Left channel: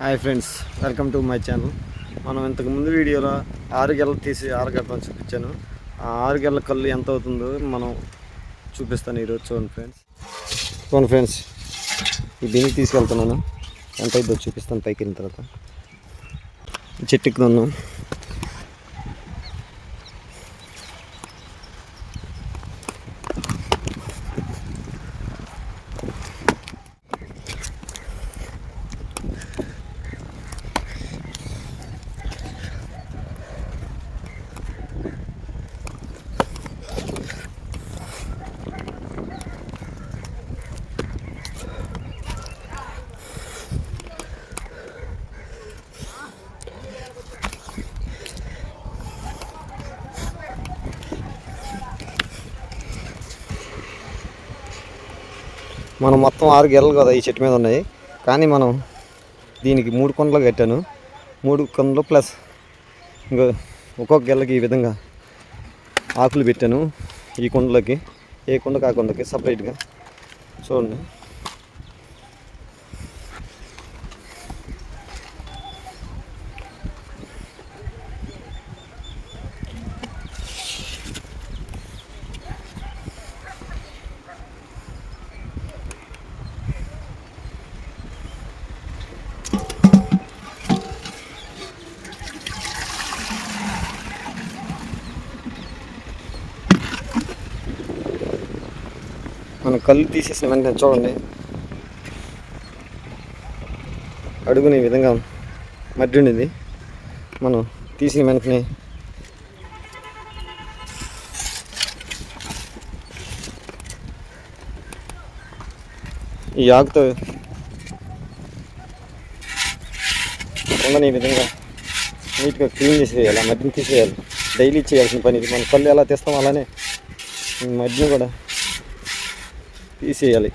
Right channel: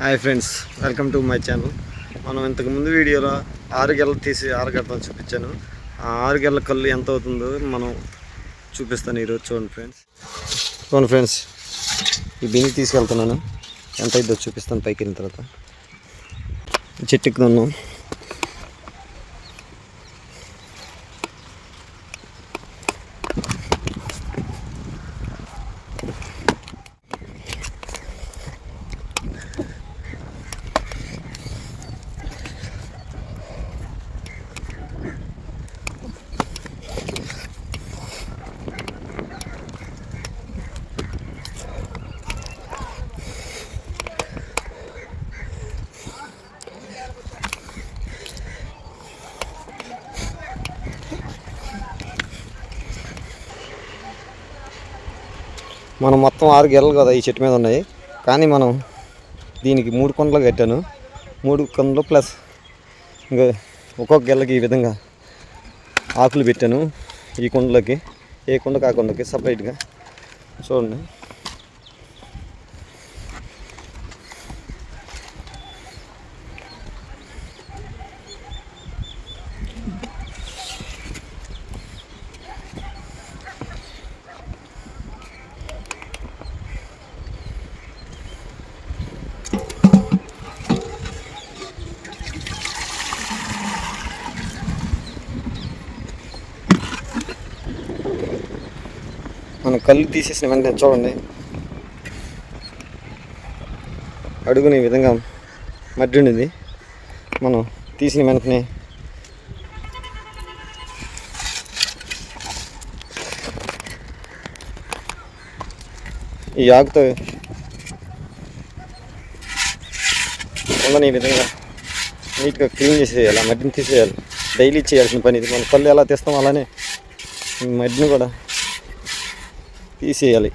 Hi friends welcome to my channel. మనం ఇంతకుముందు వీడియోలో ఆరు గెలలు తీసి ఆరు చూపించాను. ఆ ఆరు గెలల కళ్ళు ఎంత అవుతుందో మనం చూపిస్తాను ఈరోజు చూడండి ఫ్రెండ్స్. చూడండి ఫ్రెండ్స్ ఈ బియ్యం తీసుకెళ్తున్నాను. ఎంత అయిద్దో చూపిస్తాను పైకి వెళ్ళిన తర్వాత చెట్టు మనం మొత్తం ఆరు గెలలు కదా ఈ చెట్టు మీద ఉన్నాయి. కానీ మనం దీనికి మూడు కొండలు కట్టాను. మూడు కొండలు ప్లస్ ఇంకా ఒక్కొక్క గెలకి ఈ విధంగా ఆకులు పెట్టాను ఈ కుండలకి. ఏ కుండకి ఆ సపరేట్గా చూడండి. మనం కళ్ళు తీసేసిన వెంటనే చూడండి. అడుగునే విధంగా మడ్డి ఉండింది మనం తీసిన వెంటనే ఈ ఆకుతో ఉండని ఈ విధంగా నీట్గా క్లీన్ చేసేయాలి ఆ మట్టిని తీసేయాలి. డైలీ చేయాల్సిన పని ఇది. మన కళ్ళు ఎలా తీస్తాం అలానే ఈ మట్టిని కూడా తీసేయాలి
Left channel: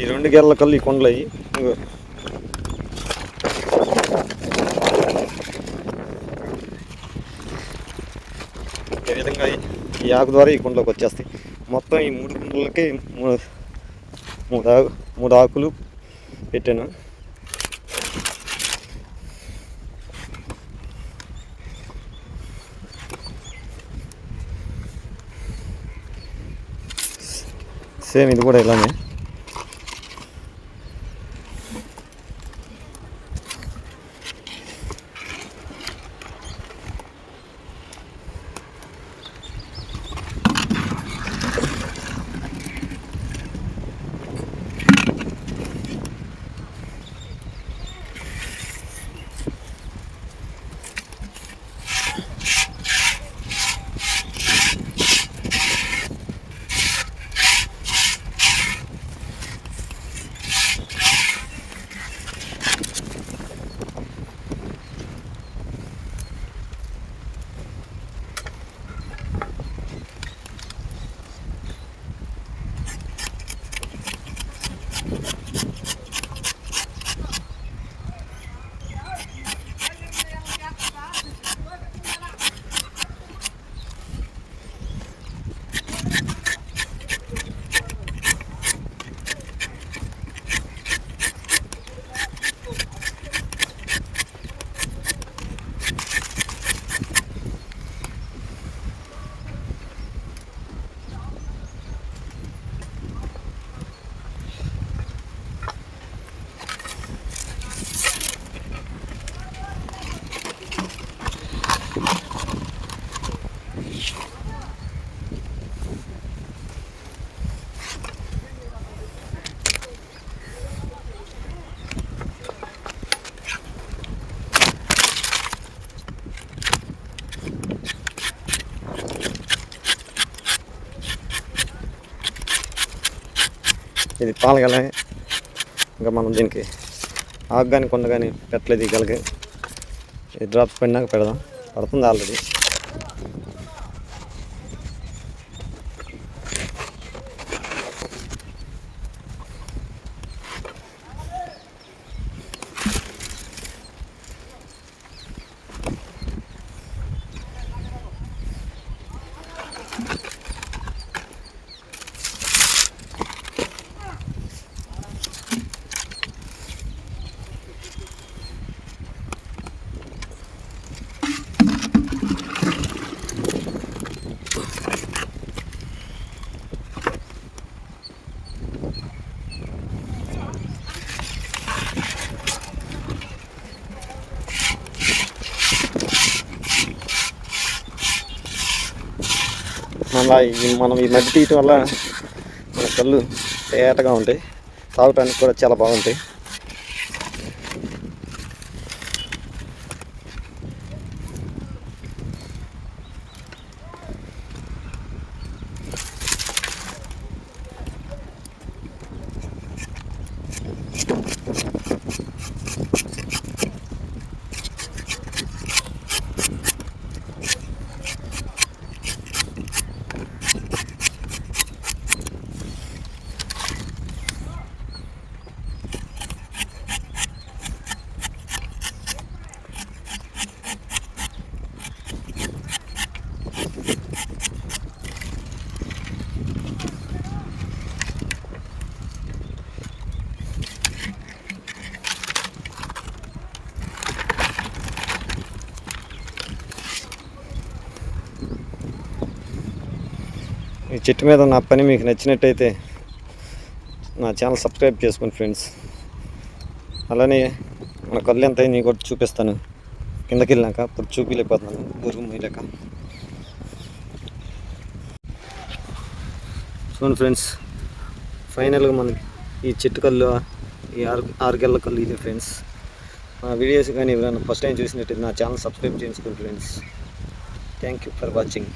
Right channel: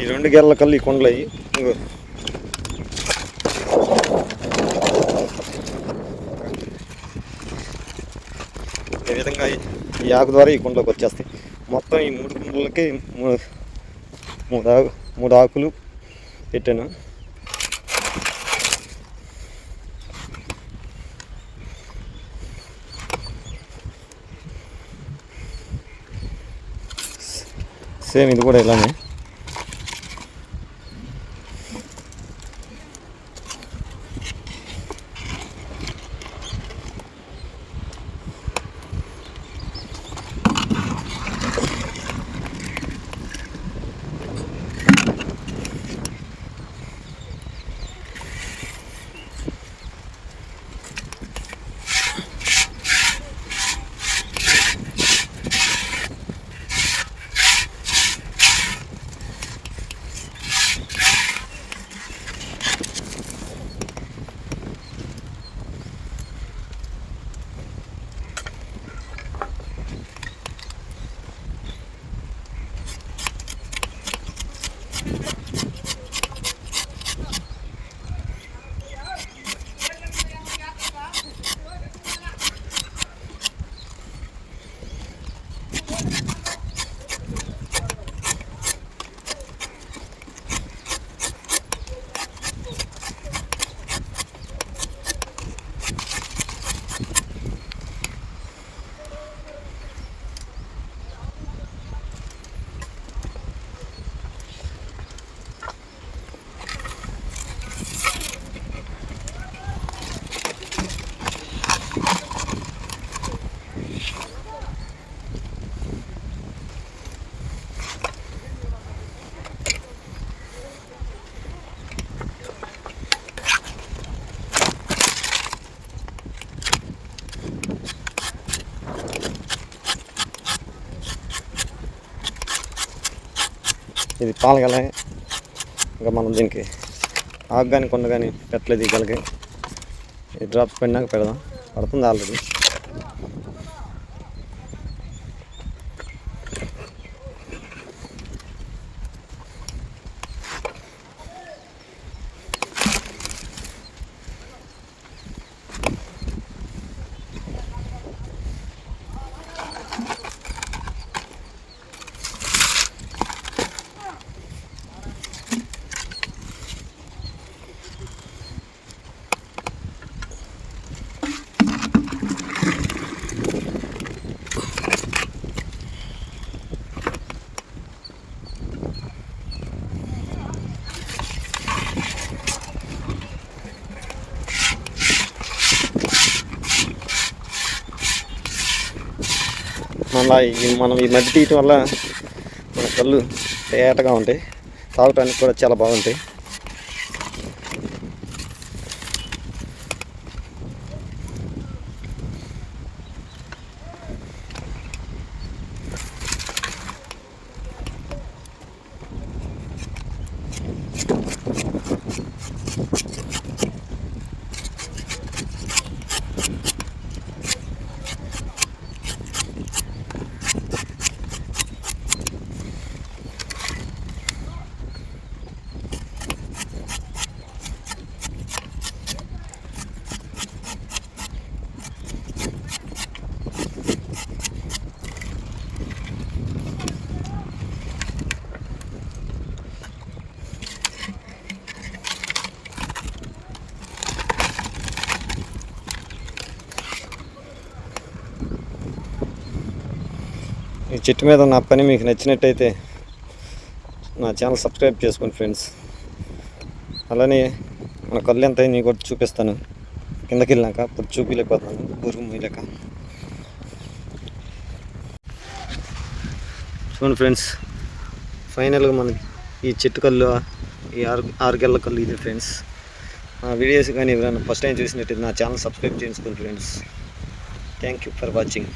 ఈ రెండు గెర్ల కళ్ళు ఈ కొండలు అయ్యి ఇంకో ఈ విధంగా ఈ- ఆకు ద్వారా ఈ కుండలోకి వచ్చేస్తాయి. మొత్తం ఈ మూడు కుండలకి మూడు ఆకు మూడు ఆకులు పెట్టాను. సేమ్ ఇది కూడా ఇలానే. ఇది పాలగల ఇంకా మనం దీనికి ఆకు కానీ కొండ కానీ పెట్టలేదు ఈ గలకి. ఈ డ్రాప్స్ పడినాక పెడదాం. పడుతుంది ఆల్రెడీ మళ్ళీ మనం ఈ మట్టి తీయటం వల్ల మన కళ్ళు తేటగా ఉంటాయి. తాగటానికి కూడా చాలా బాగుంటాయి. చెట్టు మీద నా పని మీకు నచ్చినట్టయితే నా ఛానల్ సబ్స్క్రైబ్ చేసుకోండి ఫ్రెండ్స్. అలానే మన కళ్ళు ఎంత అయింది కూడా చూపిస్తాను. కిందకి వెళ్ళాక ఇప్పుడు చూపిలేకపోతున్నాను. బురుగు మోయలేక. చూడండి ఫ్రెండ్స్ ఫైనల్గా మన ఈ చెట్టు కళ్ళు ఈ ఆరు ఆరు కళ్ళు ఇది ఫ్రెండ్స్. నా వీడియోస్ కానీ ఎవరైనా ఫస్ట్ టైం చూసినట్టయితే నా ఛానల్ సబ్స్క్రైబ్ చేసుకోండి friends. Thank you for watching